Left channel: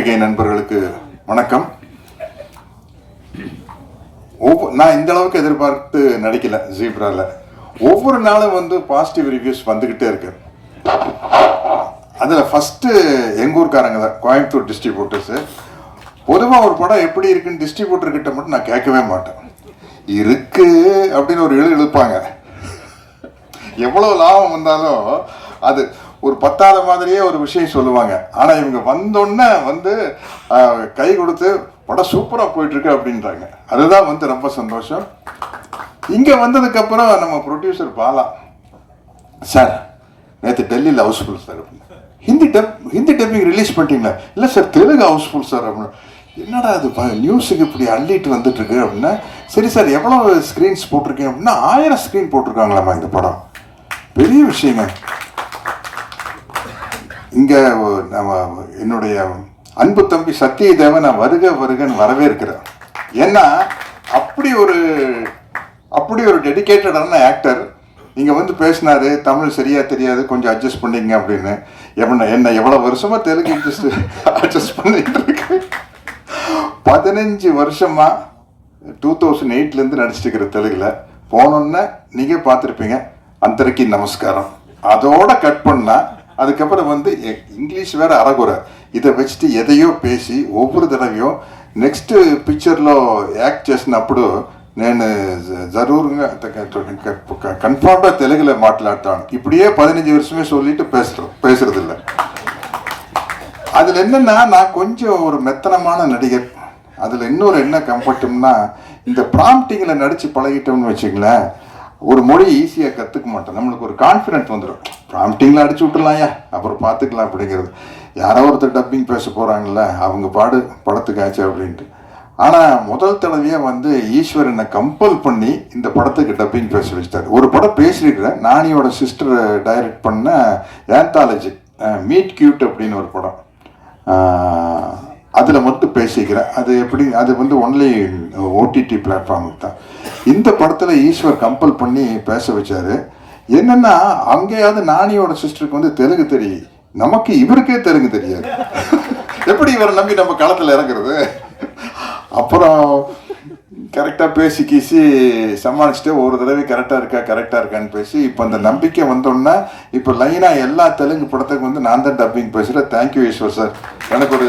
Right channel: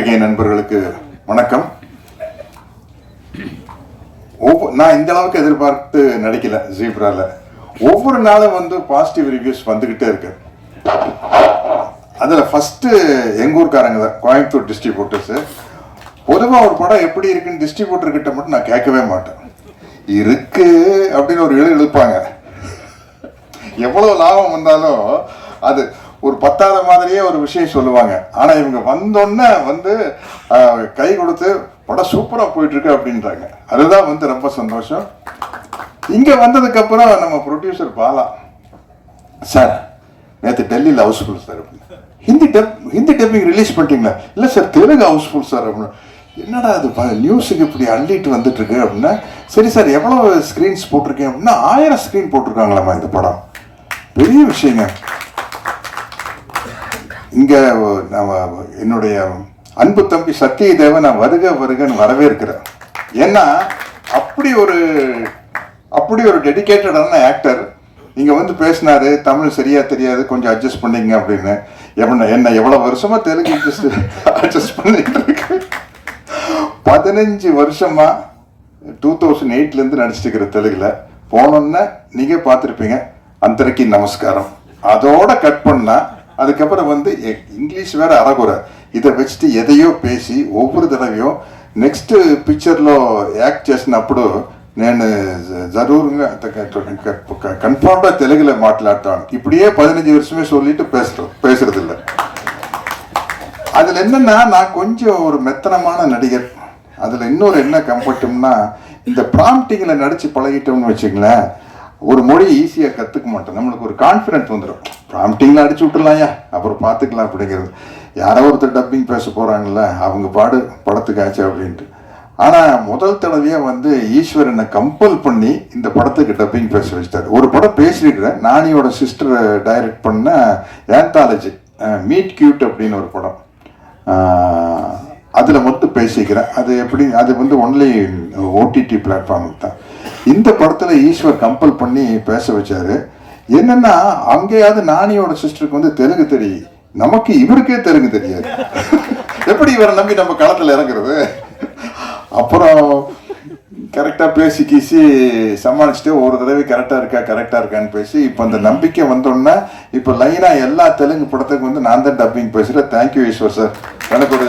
பத்திரிகை நண்பர்களுக்கு வணக்கம். நான் இந்த அளவுக்கு எதிர்பார்த்து நடிக்கல ஜீப்ரால. ஒவ்வொரு நாளும் வந்து பாசிட்டிவ் ரிவ்யூஸ் வந்துகிட்டே இருக்கு. அதில் ஃபஸ்ட்டு எங்கள் ஊர்க்காரங்க தான் கோயம்புத்தூர் டிஸ்ட்ரிபியூட்டர்ஸு பொதுவாக ஒரு படம் எப்படி இருக்குன்னு டிஸ்ட்ரிபியூட்டர் கிட்ட மட்டும் நான் கேட்கவே மாட்டேன். இருக்கு அப்படின்னு ஒரு எழு இழுப்பாங்க எவ்வளவு லாபம் வந்தாலும் அது ஒரு பத்தாத மாதிரியே ஒரு விஷயம் சொல்லுவாங்க. ஆனால் இவங்க வந்தோடனே வந்து கை கொடுத்து படம் சூப்பராக போயிட்டுருக்கு அப்படின்றாங்க. அதுதான் வந்து ரொம்ப சந்தோஷம். இங்கே வந்ததுக்கப்புறம் நம்ம ப்ரொடியூசர் பாலா சார் நேற்று டெல்லியில் ஹவுஸ்ஃபுல் சார் அப்படின்னு. Hindi dub Hindi dubbing release பண்ணிட்டீங்களா? இல்லை சார் தெலுங்கு ஹவுஸ்ஃபுல் சார் அப்படின்னு. என்னடா அது நியூஸுக்கு இப்படி அள்ளிட்டு வந்துட்டு இருக்கு அப்படின்னா. சரி சார் எவ்வளோ ஸ்க்ரீன்ஸ் போட்டிருக்கீங்க? அப்படின்னா ஆயிரம் ஸ்க்ரீன் போட்டிருக்காங்களாமா இந்த படம். பெரிய விஷயங்க. இங்கே என்னுடைய அன்பு தம்பி சத்தியதேவன் நான் வருக வருகன்னு வரவேற்கிறேன் ஏன்னா அப்படி ஒரு அப்படி ஒரு டெடிகேட்டடான ஆக்டர் நீங்கள் வந்து பேசினாரு தமிழ் சரியாக தெரியாது கொஞ்சம் அட்ஜஸ்ட் பண்ணிங்க அப்படின்னு. என்ன என்ன எவ்வளோ வருஷமாக தெலுங்கு அட்ஜஸ்ட் அட்ஜஸ்ட் பண்ணிட்டு இருக்கு. பதினஞ்சு வருஷமா டூ தௌசண்ட் எயிட்லேருந்து நடிச்சிட்டு இருக்கிற தெலுங்குல போனோம்னா நீங்கள் பார்த்துருப்பீங்க. அந்தரைக்கு நமஸ்காரம். அதோட கட் பண்ணால் அதுக்கப்புறம் வந்து இங்கிலீஷ் வேறு அறகுறை. இதை வச்சுட்டு எதையோ பேசி ஒவ்வொரு தடவையும் నెక్స్ట్ పిక్చర్లో యాక్ట్ చేసినప్పుడు నేను జరూరుగా కన్ఫామ్గా తెలుగులో మాట్లాడతాను இப்படியே பதினஞ்சு வருஷமே சொல்லிட்டு பேசுறோம். பேசுறது இல்லை அதில் என்னென்னா நான் கொஞ்சம் ஒரு மெத்தனமான நடிகர். அதில் இன்னொரு என்ன கம்ஃபர்ட்டும்னா இந்த ப்ராம்ப்டிங்கில் நடித்து பழகிட்டோம்னு வச்சுங்களேன் ஒரு மொழி ஈஸியாக கற்றுக்க மாட்டோம். நம்மளுக்கு ஒரு கான்ஃபிடென்ட் வந்துடும் ப்ராம்ப்டிங்கில் அடிச்சு விட்டுலாம்யா அப்புறம் பார்த்துக்கலாம் அப்படிங்கிறது. யாரோ ஒருத்தர் டப்பிங் பேச போகிறாங்கல்ல அவங்க பாடு படத்துக்காச்சு அப்படின்ட்டு. ஆனால் முதல் தடவையாக வந்து ஈஸ்வரனை கம்பல் பண்ணி இந்த படத்துக்கு டப்பிங் பேச வச்சிட்டாரு. ஒரு படம் பேசியிருக்கிறேன். நானியோட சிஸ்டர் டைரக்ட் பண்ண ஏந்தாலஜி மீட் கியூட் அப்படின்னு ஒரு படம். அதில் மட்டும் பேசிக்கிறேன். அது எப்படி அது வந்து ஒன்லி ஓடிடி பிளாட்ஃபார்முக்கு தான். இந்த படத்தில் ஈஸ்வர் கம்பல் பண்ணி பேச வச்சாரு. என்னன்னா அங்கேயாவது நானியோட சிஸ்டருக்கு வந்து தெலுங்கு தெரியும் நமக்கு இவருக்கே தெலுங்கு தெரியாது. எப்படி இவரை நம்பி நம்ம களத்தில் இறங்குறது? அப்புறம் கரெக்டாக பேசி கீசி சமாளிச்சுட்டு ஒரு தடவை கரெக்டாக இருக்கா கரெக்டாக இருக்கான்னு பேசி இப்போ அந்த நம்பிக்கை வந்தோம்னா இப்போ லைனாக எல்லா தெலுங்கு படத்துக்கு வந்து நான் தான் டப்பிங் பேசுகிறேன் தேங்க்யூ ஈஸ்வர் சார் எனக்கு ஒரு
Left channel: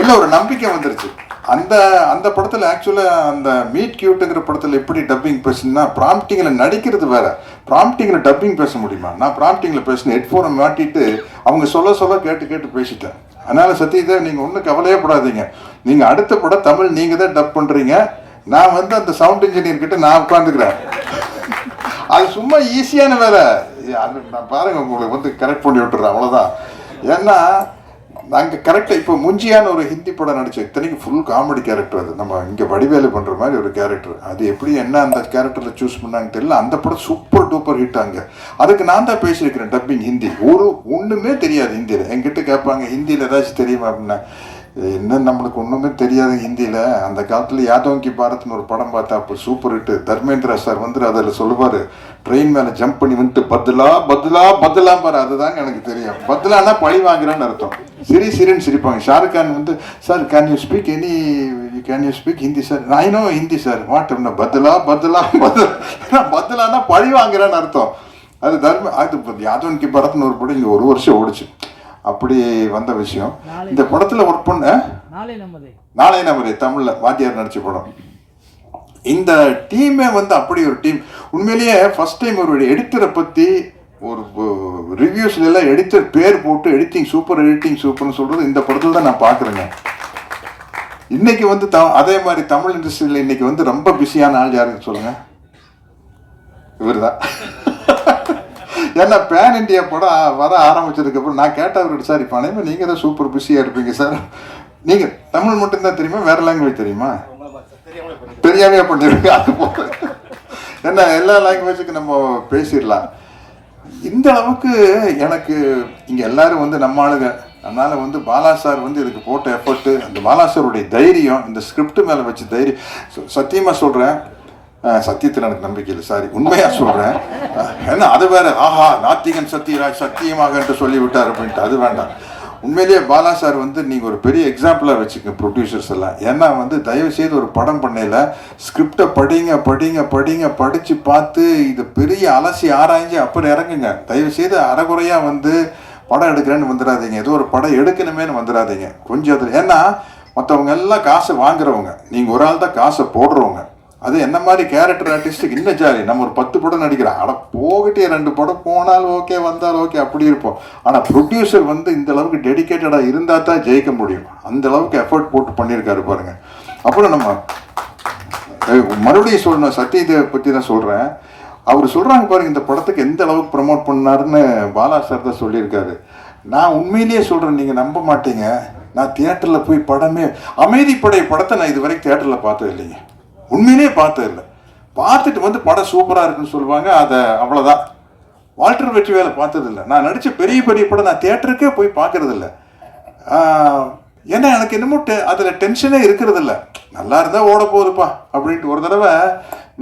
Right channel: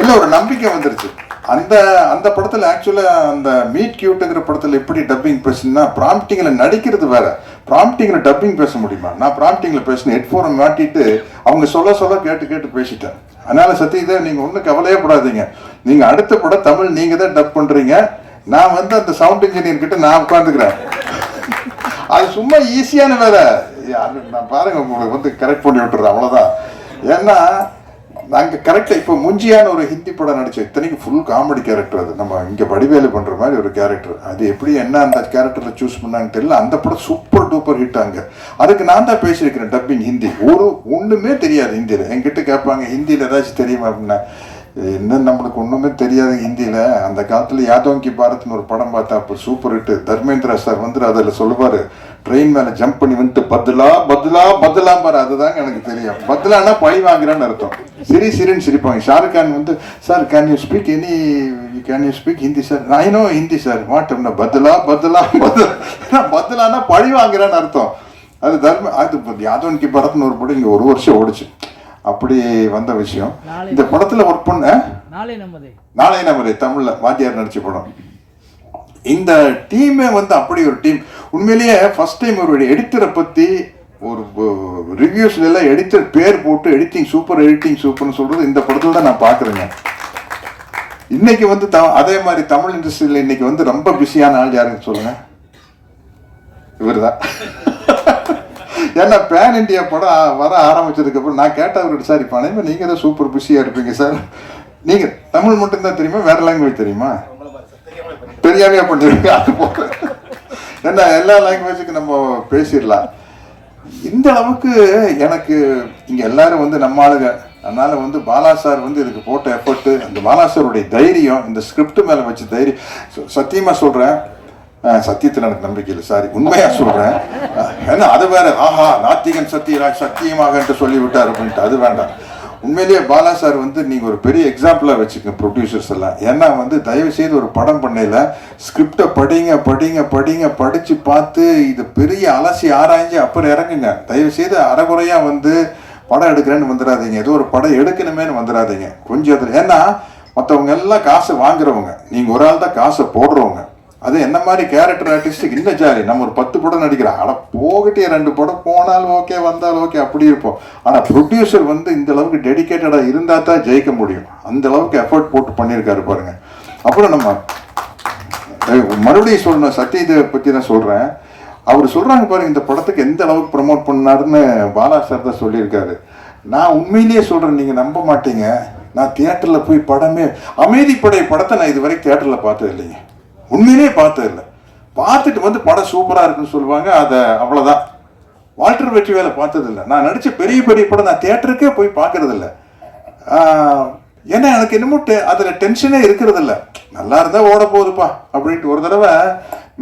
இல்லை ஒரு நம்பிக்கை வந்துருச்சு. அந்த அந்த படத்தில் ஆக்சுவலாக அந்த மீட் கியூட்டுங்கிற படத்தில் எப்படி டப்பிங் பேசுனா ப்ராம்ப்டிங்கில் நடிக்கிறது வேற. ப்ராம்ப்டிங்கில் டப்பிங் பேச முடியுமா? நான் ப்ராம்ப்டிங்கில் பேசினேன். ஹெட்ஃபோனை மாட்டிட்டு அவங்க சொல்ல சொல்ல கேட்டு கேட்டு பேசிட்டேன். அதனால் சத்யதே நீங்கள் ஒன்றும் கவலையே படாதீங்க. நீங்கள் அடுத்த படம் தமிழ் நீங்கள் தான் டப் பண்ணுறீங்க நான் வந்து அந்த சவுண்ட் இன்ஜினியர் கிட்ட நான் உட்காந்துக்கிறேன் அது சும்மா ஈஸியான வேலை. அது நான் பாருங்க உங்களுக்கு வந்து கரெக்ட் பண்ணி விட்டுறேன். அவ்வளோதான் ஏன்னா நாங்கள் கரெக்டாக இப்போ முஞ்சியான ஒரு ஹிந்தி படம் நடிச்சோம் இத்தனைக்கு ஃபுல் காமெடி கேரக்டர் அது. நம்ம இங்கே வடிவேலு பண்ணுற மாதிரி ஒரு கேரக்டர் அது எப்படி என்ன அந்த கேரக்டரில் சூஸ் பண்ணாங்கன்னு தெரியல. அந்த படம் சூப்பர் டூப்பர் ஹிட் ஆங்க அதுக்கு நான் தான் பேசியிருக்கிறேன் டப்பிங் ஹிந்தி. ஒரு ஒன்றுமே தெரியாது ஹிந்தியில். என்கிட்ட கேட்பாங்க ஹிந்தியில் ஏதாச்சும் தெரியுமா? அப்படின்னா என்ன நம்மளுக்கு ஒன்றுமே தெரியாது ஹிந்தியில். அந்த காலத்தில் யாதோங்கி கி பாரத்னு ஒரு படம் பார்த்தா அப்போ சூப்பர் ஹிட்டு தர்மேந்திரா சார் வந்து அதில் சொல்லுவார் ட்ரெயின் மேலே ஜம்ப் பண்ணி வந்துட்டு பதிலா பதிலா பதிலாம் பாரு அதுதாங்க எனக்கு தெரியும். பதிலானா பழி வாங்குறான்னு அர்த்தம். சிரி சிரின்னு சிரிப்பாங்க. ஷாருக் கான் வந்து sir can you speak any can you speak Hindi sir I know Hindi sir what பதிலா பதிலா பத்துலா பதிலானா பழி வாங்குறான்னு அர்த்தம். அது தர்ம அது யாதவன் கி படத்துன்னு ஒரு படம் இங்கே ஒரு வருஷம் ஓடிச்சு. அப்படி வந்த விஷயம். இந்த படத்துல ஒர்க் பண்ண? நாளை நமதே. நாளை நமது தமிழ்ல வாத்தியார் நடிச்ச படம். இந்த டீமே வந்து அப்படி ஒரு டீம் உண்மையிலேயே ஃபர்ஸ்ட் டைம் ஒரு எடிட்டரை பத்தி ஒரு ரிவ்யூஸ்ல எல்லாம் எடிட்டர் பேர் போட்டு எடிட்டிங் சூப்பர் எடிட்டிங் சூப்பர்னு சொல்றது இந்த படத்தோட நான் பாக்குறேங்க இன்னைக்கு வந்து த- அதே மாதிரி தமிழ் இண்டஸ்ட்ரியில் இன்னைக்கு வந்து ரொம்ப பிஸியான ஆள் யாருன்னு சொல்லுங்க. இவர்தான். ஏன்னா பேன் இந்தியா படம் வர ஆரம்பிச்சதுக்கப்புறம் நான் கேட்டவர்கிட்ட சார் இப்போ அனைவரும் நீங்கள் தான் சூப்பர் பிஸியாக இருப்பீங்க சார் நீங்கள் தமிழ் மட்டும்தான் தெரியுமா வேற லாங்குவேஜ் தெரியுமா? தெரியாமே பண்ணிருக்கீங்க அது போக. ஏன்னா எல்லா லாங்குவேஜுக்கும் நம்ம பேசிடலாம். இந்த அளவுக்கு எனக்கு இங்கே எல்லாரும் வந்து நம்ம ஆளுங்க. அதனால வந்து பாலா சார் வந்து இதுக்கு போட்ட எஃபர்ட்டு அந்த பாலா சாருடைய தைரியம் இந்த ஸ்கிரிப்ட் மேலே வச்ச தைரியம் சத்தியமாக சொல்கிறேன் சத்தியத்தில் எனக்கு நம்பிக்கை இல்லை சாரி உண்மையாக சொல்கிறேன் ஏன்னா அது வேற. ஆஹா நாத்திகன் சத்தியராஜ் சத்தியமாக என்று சொல்லி விட்டார் அப்படின்ட்டு. அது வேண்டாம். உண்மையிலேயே பாலா சார் வந்து நீங்கள் ஒரு பெரிய எக்ஸாம்பிளாக வச்சுக்க ப்ரொடியூசர்ஸ் எல்லாம். ஏன்னா வந்து தயவு செய்து ஒரு படம் பண்ணையில் ஸ்கிரிப்டை படிங்க படிங்க படிங்க படித்து பார்த்து இது பெரிய அலசி ஆராய்ஞ்சு அப்புறம் இறங்குங்க. தயவு செய்து அறகுறையாக வந்து படம் எடுக்கிறேன்னு வந்துடாதீங்க. ஏதோ ஒரு படம் எடுக்கணுமேன்னு வந்துடாதீங்க. கொஞ்சம் அதில் ஏன்னா மற்றவங்க எல்லாம் காசு வாங்குறவங்க. நீங்கள் ஒரு ஆள் தான் காசை போடுறவங்க. அது என்ன மாதிரி கேரக்டர் ஆர்டிஸ்ட்டுக்கு இன்னும் ஜாலி. நம்ம ஒரு பத்து படம் நடிக்கிறோம். ஆனால் போகட்டே ரெண்டு படம்? போனாலும் ஓகே வந்தாலும் ஓகே அப்படி இருப்போம். ஆனால் ப்ரொடியூசர் வந்து இந்த அளவுக்கு டெடிக்கேட்டடாக இருந்தால் தான் ஜெயிக்க முடியும். அந்த அளவுக்கு எஃபர்ட் போட்டு பண்ணியிருக்காரு பாருங்க. அப்புறம் நம்ம மறுபடியும் சொல்லணும். சத்யதேவை பற்றி தான் சொல்கிறேன் அவர் சொல்கிறாங்க பாருங்க இந்த படத்துக்கு எந்த அளவுக்கு ப்ரமோட் பண்ணாருன்னு பாலா சார் தான் சொல்லியிருக்காரு. நான் உண்மையிலேயே சொல்கிறேன் நீங்கள் நம்ப மாட்டீங்க. நான் தியேட்டரில் போய் படமே அமைதிப்படை படத்தை நான் இது வரைக்கும் தியேட்டரில் பார்த்தது இல்லைங்க உண்மையிலே பார்த்தது இல்லை. பார்த்துட்டு வந்து படம் சூப்பராக இருக்குன்னு சொல்லுவாங்க அதை அவ்வளோதான் வால்டர் வெற்றி வேலை பார்த்ததில்ல நான் நடித்த பெரிய பெரிய படம் நான் தேட்டருக்கே போய் பார்க்குறதில்ல ஏன்னா எனக்கு என்னமோ டெ அதில் டென்ஷனே இருக்கிறதில்ல நல்லா இருந்தால் ஓட போகுதுப்பா அப்படின்ட்டு ஒரு தடவை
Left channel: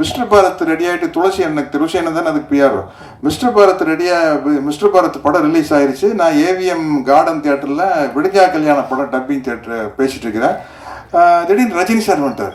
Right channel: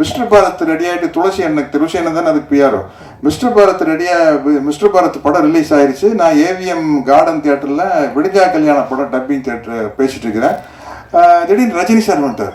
மிஸ்டர் பாரத் ரெடி ஆகிட்டு துளசி எனக்கு துளசி என்ன தானே அதுக்கு பிஆர் மிஸ்டர் பாரத் ரெடியாக மிஸ்டர் பாரத் படம் ரிலீஸ் ஆயிடுச்சு நான் ஏவிஎம் கார்டன் தேட்டரில் விடுஜா கல்யாண படம் டப்பிங் தேட்டர் பேசிகிட்டு இருக்கிறேன். திடீர்னு ரஜினி சார் வந்துட்டார்.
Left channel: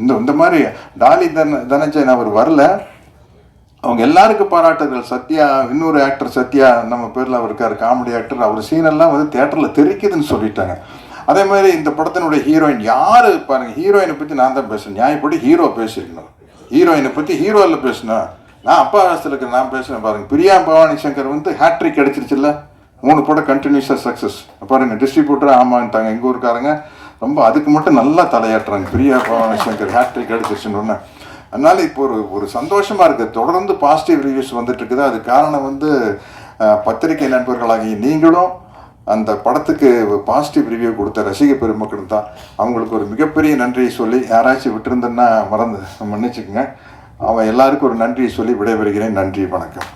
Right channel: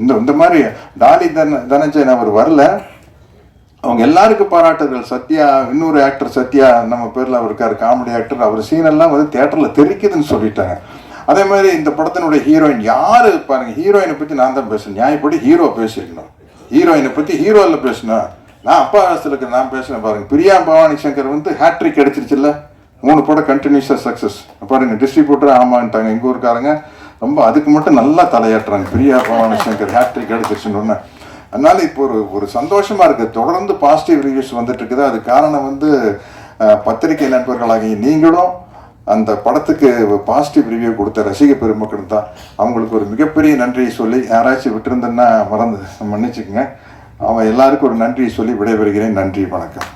இந்த இந்த மாதிரி டாலி தன தனஞ்சயன் அவர் வரல. அவங்க எல்லாருக்கும் பாராட்டுகள். சத்யா இன்னொரு ஆக்டர் சத்யா நம்ம பேரில் அவர் இருக்கார் காமெடி ஆக்டர் அவர் சீனெல்லாம் வந்து தேட்டரில் தெரிக்குதுன்னு சொல்லிட்டாங்க. அதே மாதிரி இந்த படத்தினுடைய ஹீரோயின் யார்? பாருங்கள் ஹீரோயினை பற்றி நான் தான் பேசுகிறேன் நியாயப்படி ஹீரோ பேசியிருந்தோம். ஹீரோயினை பற்றி ஹீரோவில் பேசினோம் நான் அப்பா வயசில் இருக்கிற நான் பேசுகிறேன் பாருங்கள் பிரியா பவானி சங்கர் வந்து ஹேட்ரிக் அடிச்சிருச்சுல்ல. மூணு படம் கண்டினியூஸாக சக்ஸஸ் பாருங்கள் டிஸ்ட்ரிபியூட்டர் ஆமான்ட்டாங்க. எங்கள் ஊருக்காரங்க. ரொம்ப அதுக்கு மட்டும் நல்லா தலையாட்டுறாங்க. பிரியா பவானி சங்கர் ஹேட்ரிக் அடிச்சிருச்சுன்னு அதனால இப்போ ஒரு ஒரு சந்தோஷமா இருக்கு. தொடர்ந்து பாசிட்டிவ் ரிவ்யூஸ் வந்துட்டு இருக்குது. அது காரணம் வந்து பத்திரிகை நண்பர்களாகிய நீங்களும் அந்த படத்துக்கு பாசிட்டிவ் ரிவ்யூ கொடுத்த ரசிக பெருமக்கள் தான். அவங்களுக்கு ஒரு மிகப்பெரிய நன்றியை சொல்லி யாராச்சும் விட்டுருந்தேன்னா மறந்து மன்னிச்சுக்கோங்க. அவன் எல்லாருக்கும் ஒரு நன்றியை சொல்லி விடைபெறுகிறேன். நன்றி வணக்கம்.